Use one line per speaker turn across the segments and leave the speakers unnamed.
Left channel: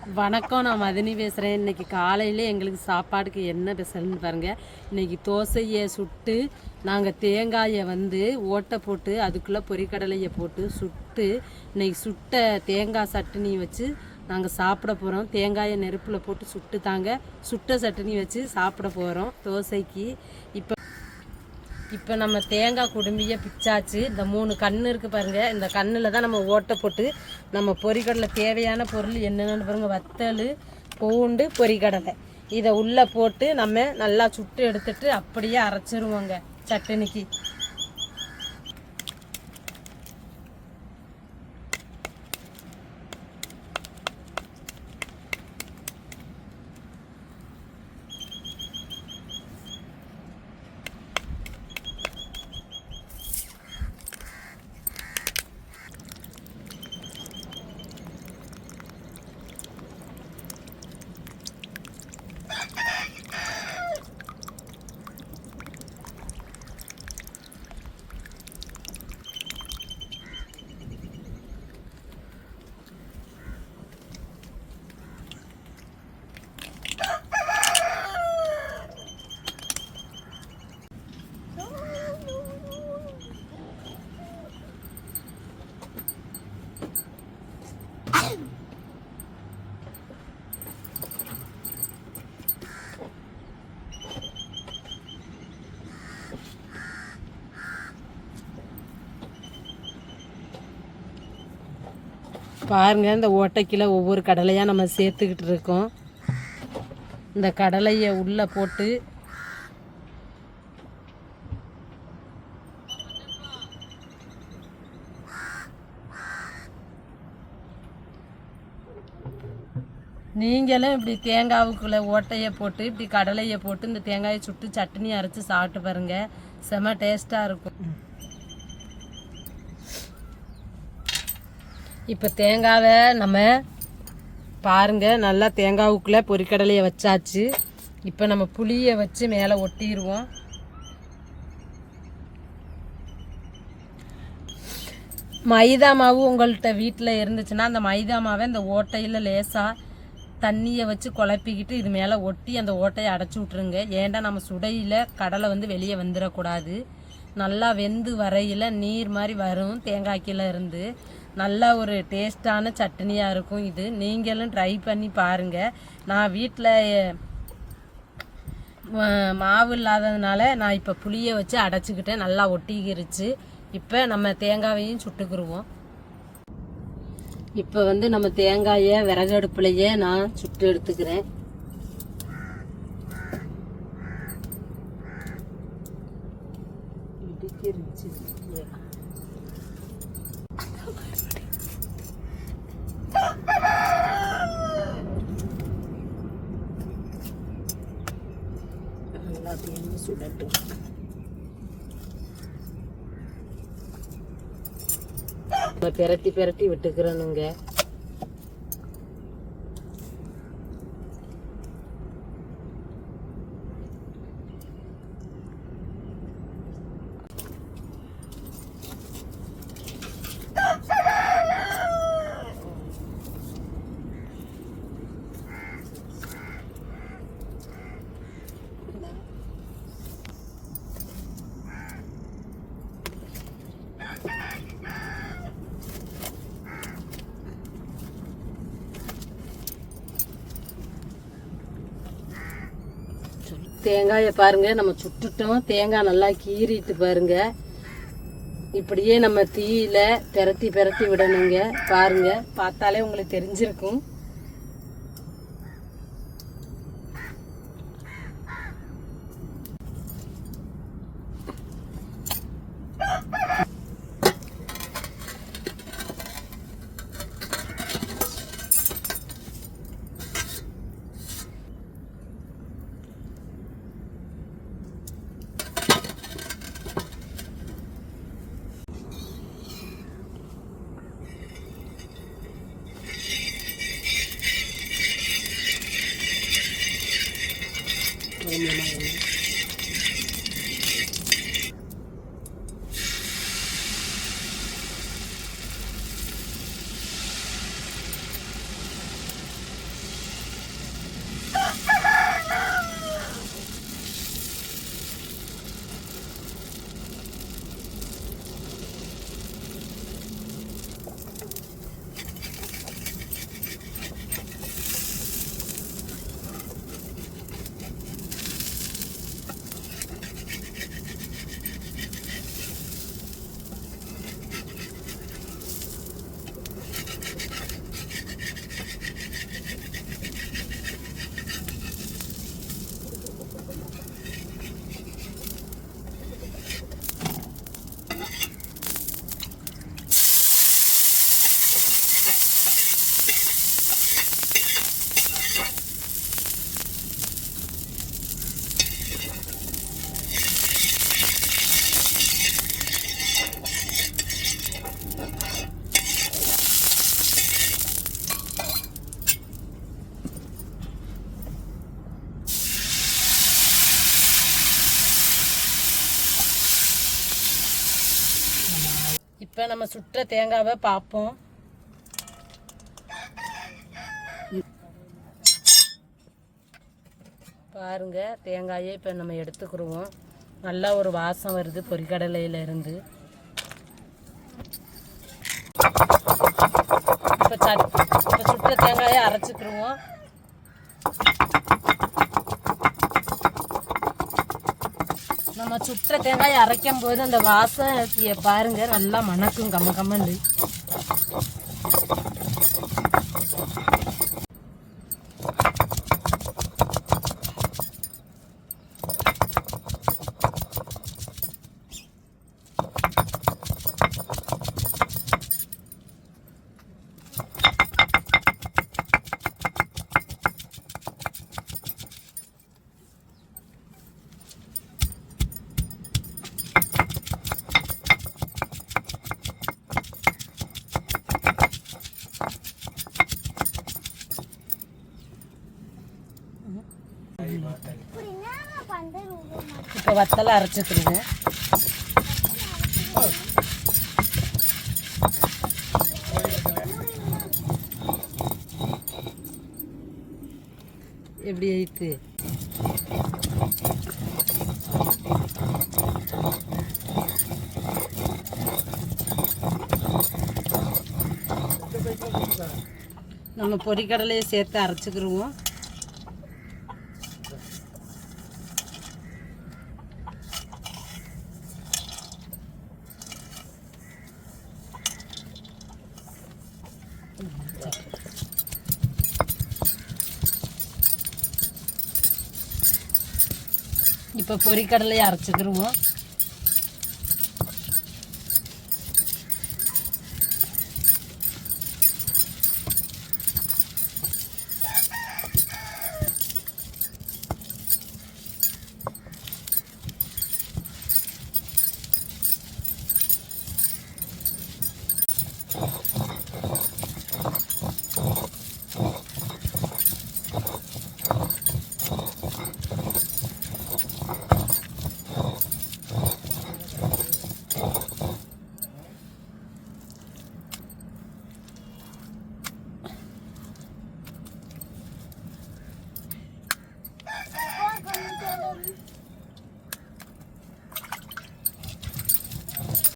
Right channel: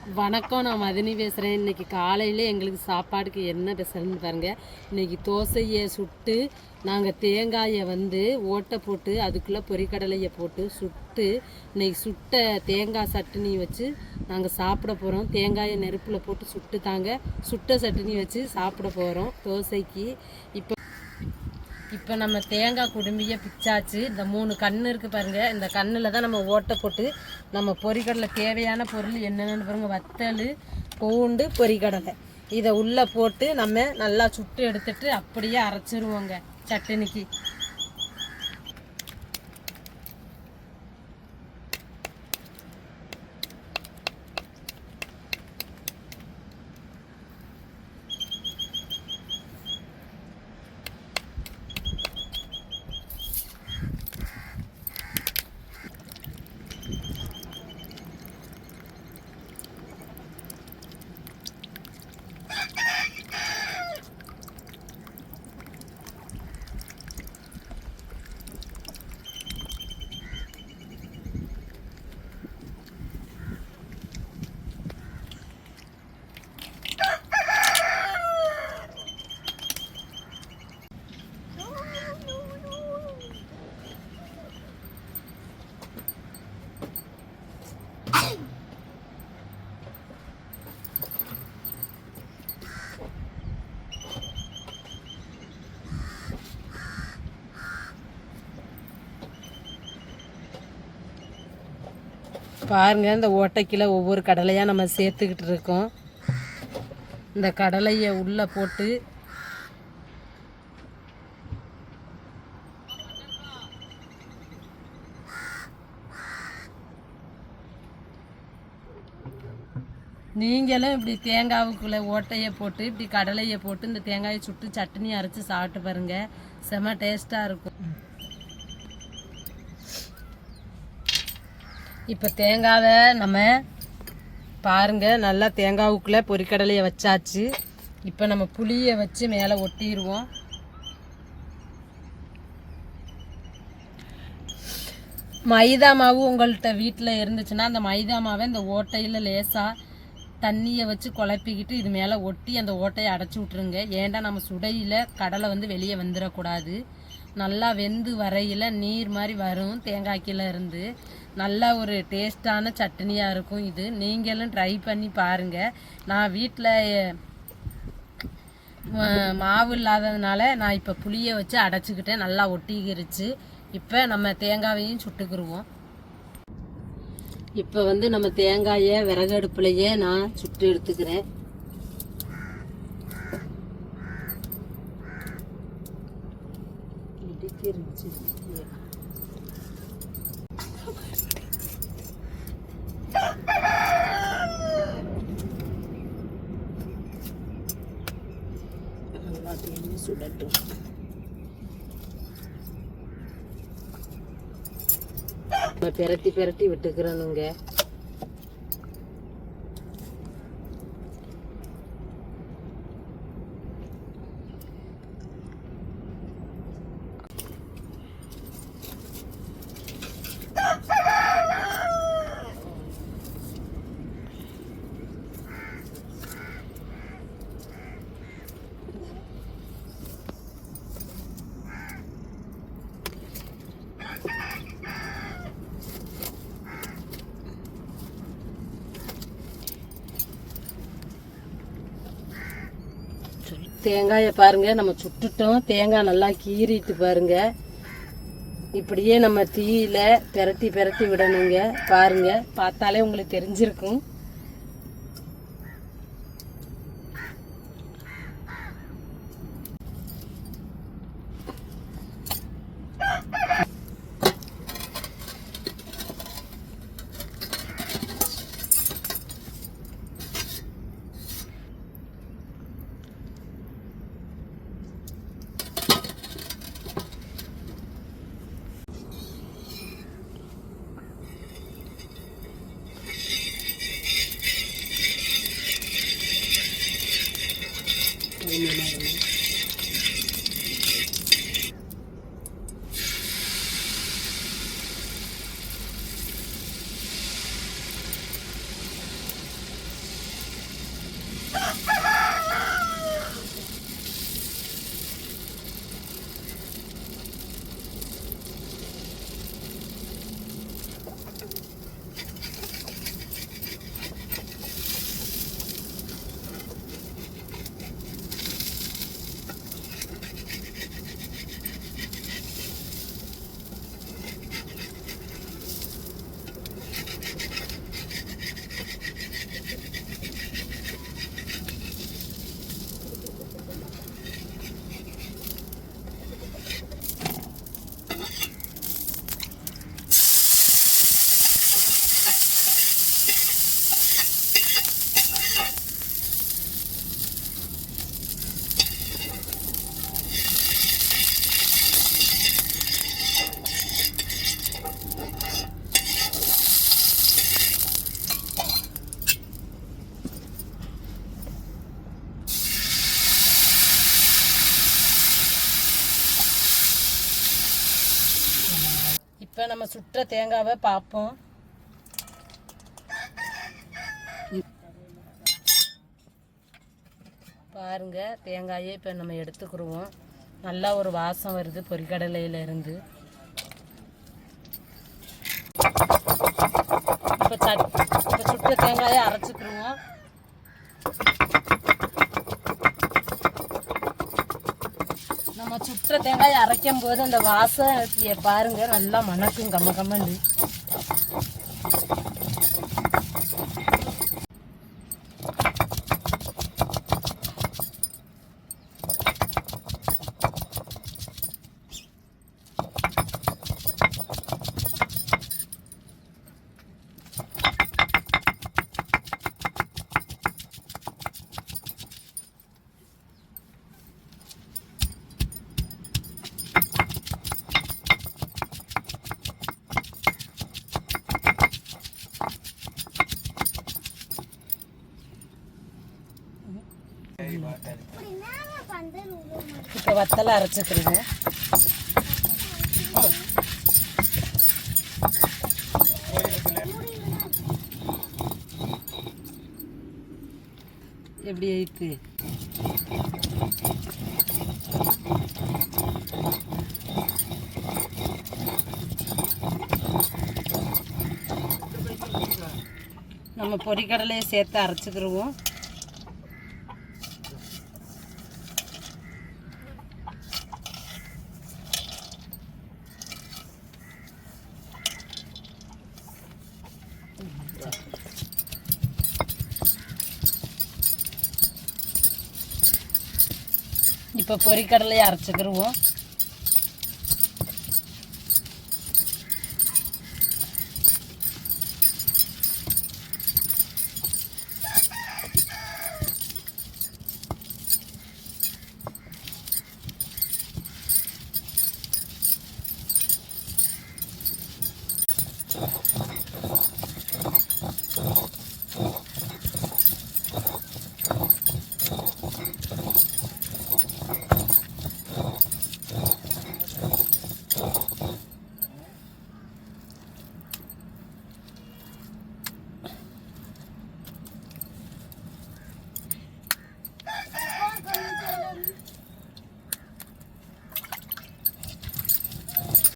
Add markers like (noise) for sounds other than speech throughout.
வணக்கம் நான் மதினி பேசுகிறேன் இன்றைக்கி காலையில் எங்களுக்கு சாப்பாடுக்கு என்ன ஸ்பெஷல்னு பாருங்கள் இன்றைக்கி தோசையை சுட்டு நாங்கள் தேங்காயை வந்து ஓட்டை போட்டு அதுக்குள்ளே பொரிக்கடலையை போட்டு சுட்டு இன்னைக்கு சுட்ட தேங்காய் சட்னி வச்சு நாங்கள் சாப்பிட போகிறோம் தேங்காயை நெருப்பில் போட்டு சுட்டு தாங்க சுட்ட சட்னி வச்சு சாப்பிட போகிறோம் தோசைக்கு. இப்போ இப்போ நம்ம தேங்காய் குடும்பியை பிச்சாச்சு. இந்த மூணு கண் இருக்குது பாருங்கள் இந்த கண்ணில் தான் நம்ம ஓட்டை போட்டு நம்ம பொரிக்கடலை தேவையான பொருள் என்னென்னு பாருங்கள் வத்தல் பூண்டு பொரிக்கடலை இதை உள்ளே போட்டு நம்ம நல்லா சுட்டு எடுத்துட்டு அப்படியே அரைச்சிருவோங்க சட்னிக்கு பாருங்க இந்த ஓட்டைக்கில் ஒவ்வொரு கடலையாக நம்ம சேர்த்துக்கிட்டு இருக்கோம். இந்த கடலையை உள்ளே போட்டு நீங்களும் இப்படி தேங்காவுக்குள்ளே ஓட்டையை போட்டு இப்படி கடலையை போட்டு இந்த தேங்காயை சுட்டு சட்னி அரைச்சி சாப்பிட்டு பாருங்க. செம டேஸ்ட்டாக இருக்கும். இப்போ தேங்காவை நம்ம பாருங்க நல்லா தேங்காவுக்குள்ளே பொரிக்கடலையை வச்சாச்சு. இப்போ நம்ம புளியை வச்சு மேலே ஒட்டிடுவோம். மைதா மாவு உங்கள்கிட்ட வீட்டில் இருந்துச்சுன்னா அந்த மைதா மாவை இந்த ஓட்டையில் லேசாக தண்ணியை வச்சு குழப்பிக்கிட்டு இது மேலே ஒட்டி அந்த ஓட்டையை அடைச்சி விட்ருங்க ஏன்டா நம்ம சுடையில் கடலை வந்து வெளியே வந்துடக்கூடாது. நல்லா வெந்து வரையில் நீர் மாதிரி வரும் தேங்காய்க்கில் இருந்து. நல்ல ஒரு டேஸ்டான சட்னியாக இருக்கும் இது. நீங்களும் ட்ரை பண்ணி பாருங்கள் நான் வீட்டில் மாவு இல்லாததுனால நான் இப்போ புளியை வச்சு அடைச்சிக்கிட்டேன். நல்லா ஒட்டிக்கிருச்சு. இப்போ நம்ம தேங்காவையும் சுட்டுக்கிருவோம். இப்போ வந்து நம்ம தேங்காயை விறகு அடுப்புலையே நான் சுட்டு எடுத்துக்கிறேன். இடிக்கிருச்சு. சுடட்டும் நம்ம பிரட்டி பிரட்டி விட்டுக்கிறணுங்க தேங்காயை பாருங்க. நம்ம சுட்டுட்டோம். தேங்காய் நல்லா கீறிட்டு பாருங்க. இப்படியே நம்ம தீயில பெரட்டி பெரட்டி விடணுங்க. பாருங்க. பார்த்தாலே உங்களுக்கு தெரிஞ்சிருக்கும். இப்போ நம்ம சுற்ற தேங்காவை பார்ப்போம் பாருங்க தேங்காயை இப்போ நம்ம எடுத்துக்கிடுவோம் நல்லா ஒரு வாசம் வருது பொரிக்கடலையில இருந்து இப்போ சட் இப்போ சுற்ற தேங்காயை அரைச்சிக்கிடுவோம் நம்ம சுற்ற தேங்காய் அரைக்கும் போது அந்த வாசம் பாருங்க நல்லா மணக்கும் கம்ம கம்மந்து இப்போ வத்தலை அரைச்சிக்கிடுவோம் எப்படி ஐத்து நம்ம பொறிக்கடலையை சேர்த்து அரைச்சிக்கிடுவோம் இப்போ பொறிக்கடலையை அரைச்சிக்கிடுவோம்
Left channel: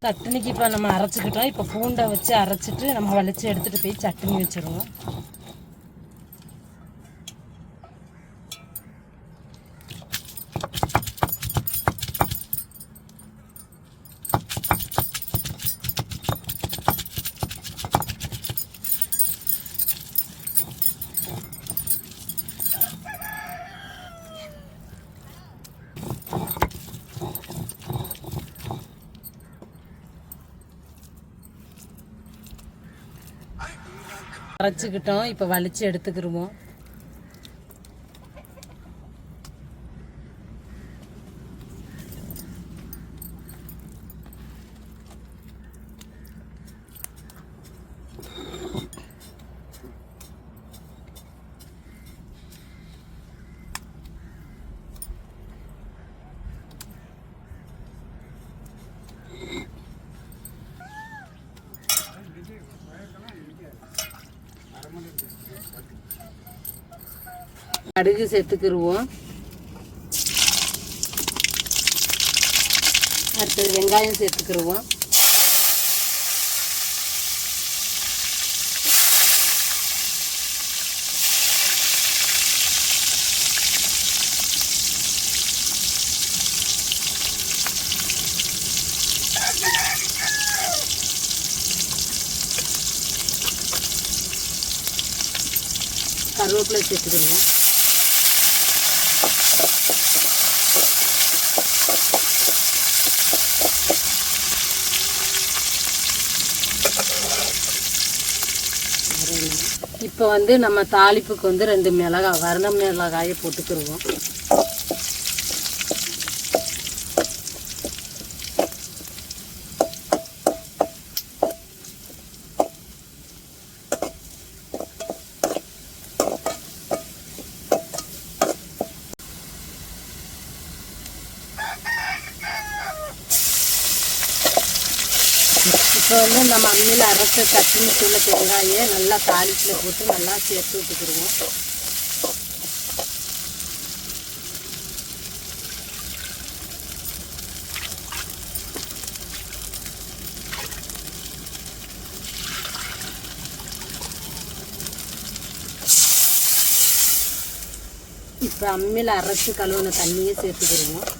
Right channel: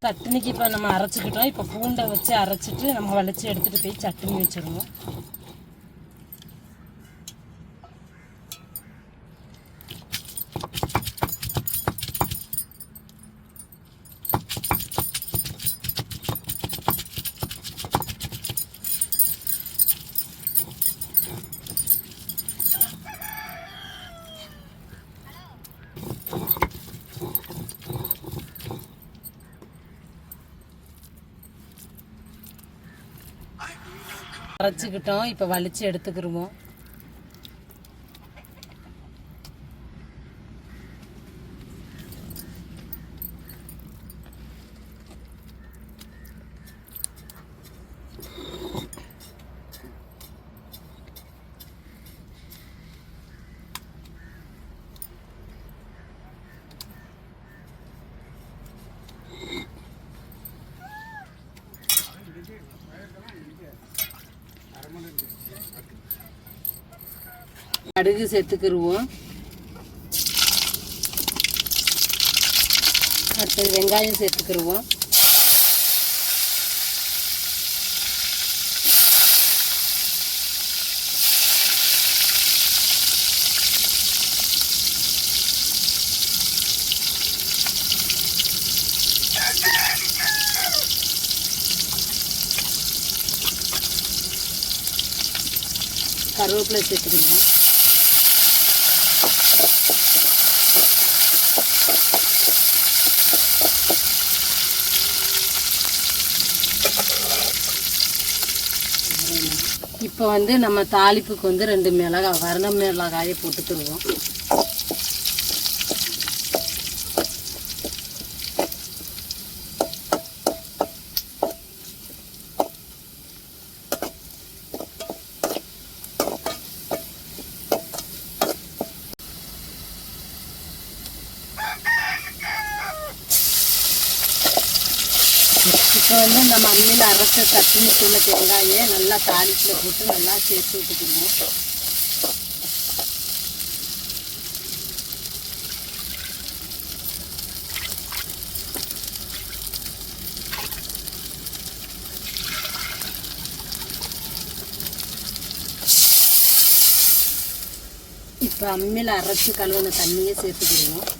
சட்னிக்கு இப்போ நம்ம அரைச்சிக்கிட்டோம். இப்போ பூண்டை வச்சு அரைச்சிட்டு நம்ம வளைச்சி எடுத்துகிட்டு போய் சட்னி வச்சுருவோம். அரைச்சிக்கிட்டோம் இப்போ வலிச்சு எடுத்துக்கிருவோம். கடுகு சேர்த்துக்கிடுவோம் அடுத்தது வெங்காயம் சேர்த்துக்கிடுவோம் கருவேப்பிலை சேர்த்துக்கிருவோம். இப்போ வந்து நம்ம தாளிப்புக்கு வந்து ரெண்டு மிளகாய் வரண மிளகாயை போட்டுக்கிடுவோம் இப்போ இப்போ வந்து நம்ம அம்மியில் அரைச்ச தட்டினி தூள தேங்காயை நல்லா தாளிப்பில் போட்டு நல்லா சேர்த்து விட்டுக்கிடுவோம். இப்போ அம்மியில் அரைச்சி கழுவுன தண்ணியை சேர்த்துக்கிடுவோம்.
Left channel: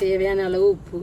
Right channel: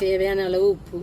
தேவையான அளவு உப்பு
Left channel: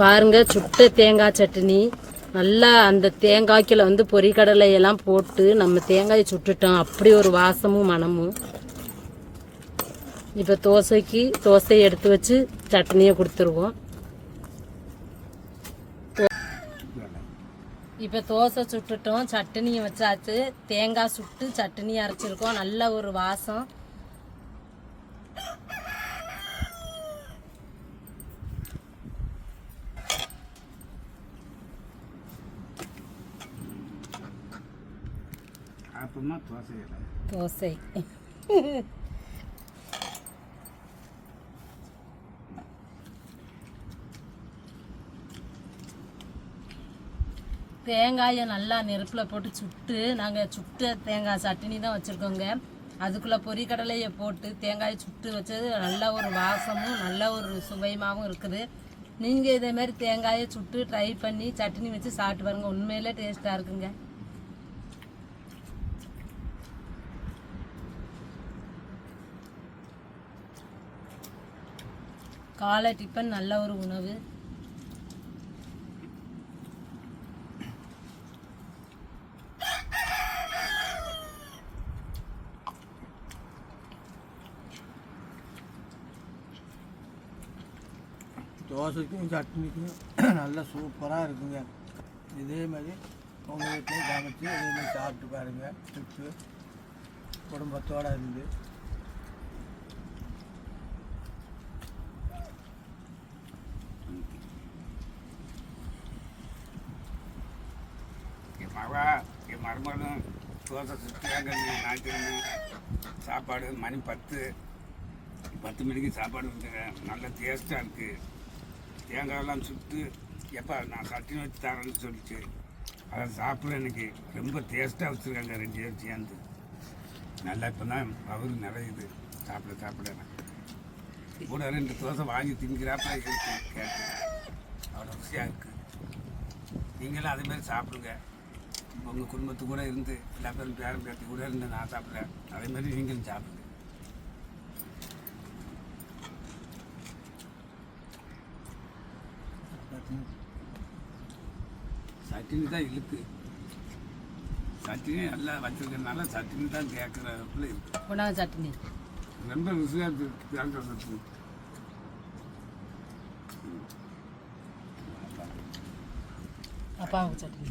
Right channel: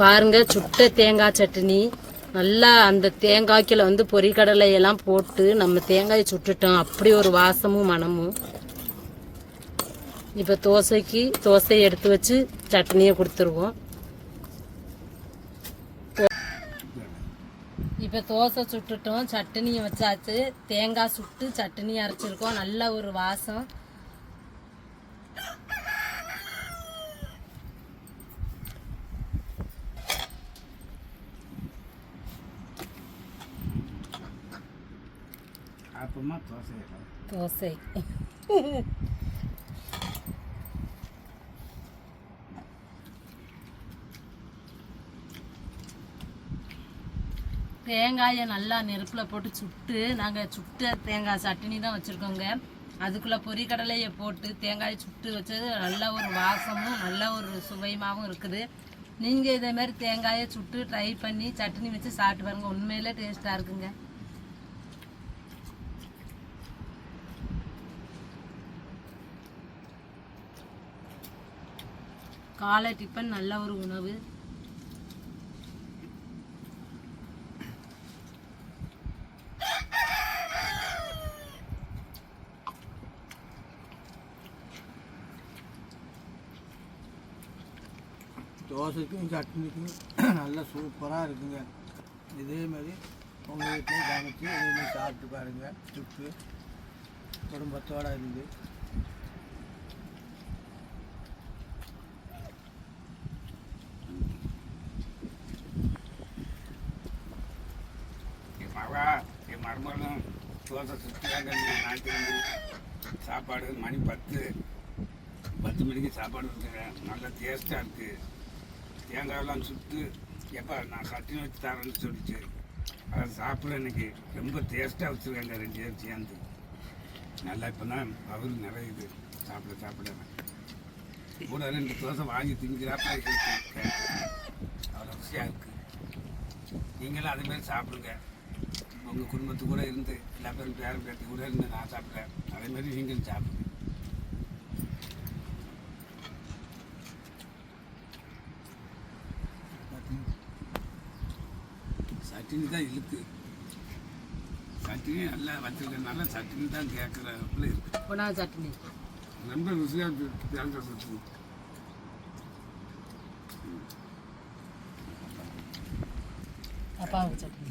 பாருங்க சுட்ட தேங்காய் சட்னி. நல்லா அந்த தேங்காய்க்குள்ள வந்து பொரிக்கடலை எல்லாம் போட்டு நம்ம தேங்காயை சுட்டுட்டோம். அப்படி ஒரு வாசமும் மணமும் இப்போ தோசைக்கு தோசையை எடுத்து வச்சு சட்னியை கொடுத்துருவோம். இப்போ தோசை சுட்டுட்டோம் சட்னியை வச்சாச்சு. தேங்காய் சுட்டு சட்னி அரைச்சிருக்கோம். நல்ல ஒரு வாசம்.
அப்பமா தோசை இல்லை.
தோசை. தேங்காயை நல்லா நெருப்பில் போட்டு சுட்டு நாங்கள் சுட்ட தேங்காய் சட்னி தான் வச்சுருக்கோங்க. அதுக்குள்ளே பொரிக்கடலையை போட்டு தேங்காயை சுட்டு வச்சது நல்ல ஒரு வாசமும் நல்ல ஒரு சுவையுமாகவும் இருக்குது. நீங்கள் இதேமாரி தேங்காயை சுட்டு ட்ரை பண்ணி சட்னி வச்சு சாப்பிட்டு பாருங்கள் உண்மையிலே டேஸ்ட்டாக இருக்குங்க. காலை டிஃபன் நல்ல ஒரு உணவு.
தோசைக்கும் சட்னிக்கும் (clears throat) நல்லா சூப்பராக இருக்குங்க. இதே மாதிரி உங்கள் வீட்லேயும் சமைச்சு இதே மாதிரி சாப்பிட்டு பாருங்கள் ட்ரிப்பு குடும்பத்தோடு இருந்து.
தோசை சுற்றியாங்க ஞாயிற்றுக்கிழமை சாப்பாடு மணி பத்து. பத்து மணிக்கு சாப்பாடு இருக்குங்க நல்ல டேஸ்ட்டாக இருக்குது தேங்காயெல்லாம் சுட்டு எப்போ நான் சட்னி வச்சு தரேன்னு சொல்லிச்சு அதை சாப்பிட இன்னைக்கு ரொம்ப டேஸ்ட்டாக வச்சுருக்காங்க ரெண்டு பேரும் சேர்ந்து. நல்லா இப்போ தான் பவர் நிறையுது. சாப்பிட சாப்பிட. கூட ரெண்டு தோசை வாங்கி திங்கிறாப்பா இருக்கு. அவ்வளோ ருசியாக இருக்குது நீங்களும் அதே மாதிரி சாப்பிடுங்க. உங்கள் குடும்பத்து கூட இருந்து எல்லா பேரும் பேரம் பேத்தி கூட இருந்து நான் சாப்பிட்றேன் அதே மாதிரி நீங்களும் சாப்பிடுங்க. சட்டினி தான் இழுக்கு சட்டினி நல்லா வச்சிருக்கனால சட்டினி தான் கேட்குறதுக்குள்ள இருக்கு.
உணவு சட்னி
ரொம்ப ருசியாக தேங்காய் சட்னி
அப்பாவுக்கு சட்னி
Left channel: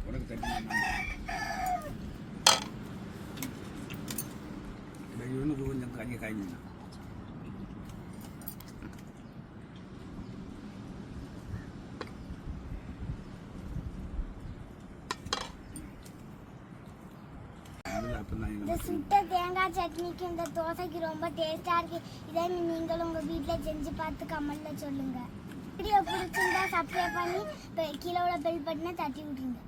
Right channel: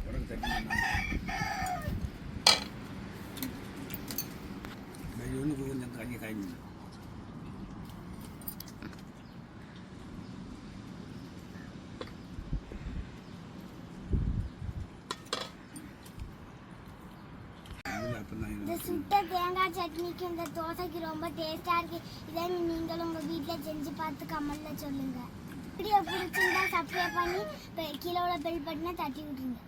உடம்பு சட்னி வெயிலுக்கு கொஞ்சம் காய்ச்சி காய்ச்சி அப்பதான்
இந்த சுட்ட தேங்காய் சட்னிக்கு இந்த தோசைக்கு ரொம்ப டேஸ்டா இருக்கு. இதே நீங்களும் உங்க வீட்டில் செஞ்சு பார்த்து கமெண்டில் சொல்லுங்க. வீடியோ பிடிச்சிருந்தா சப்ஸ்கிரைப் பண்ணி கீழே உள்ள பெல் பட்டனை தட்டி விட்டுருங்க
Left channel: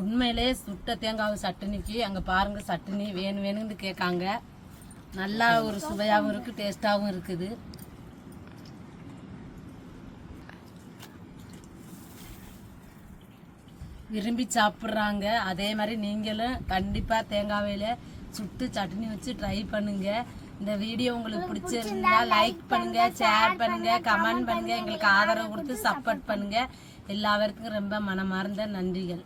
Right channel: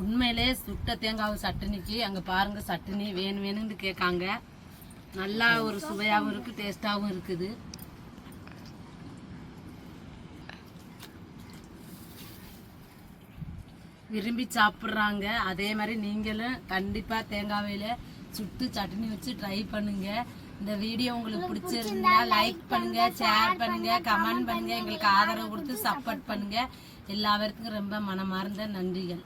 உண்மையிலே சுட்ட தேங்காய் சட்னிக்கு அங்கே பாருங்க சட்னி வேணும் வேணும்னு கேட்காங்க. நல்லா ஒரு சுவையாகவும் இருக்குது டேஸ்ட்டாகவும் இருக்குது. விரும்பி சாப்பிட்றாங்க. அதே மாதிரி நீங்களும் கண்டிப்பாக தேங்காயில் சுட்டு சட்னி வச்சு ட்ரை பண்ணுங்க. இந்த வீடியோ உங்களுக்கு பிடிச்சிருந்தா லைக் பண்ணுங்க ஷேர் பண்ணுங்க கமெண்ட் பண்ணுங்க. எங்களுக்கு ஆதரவு கொடுத்து சப்போர்ட் பண்ணுங்க. எல்லாருக்கும் ரொம்ப மனமார்ந்த நன்றிகள்.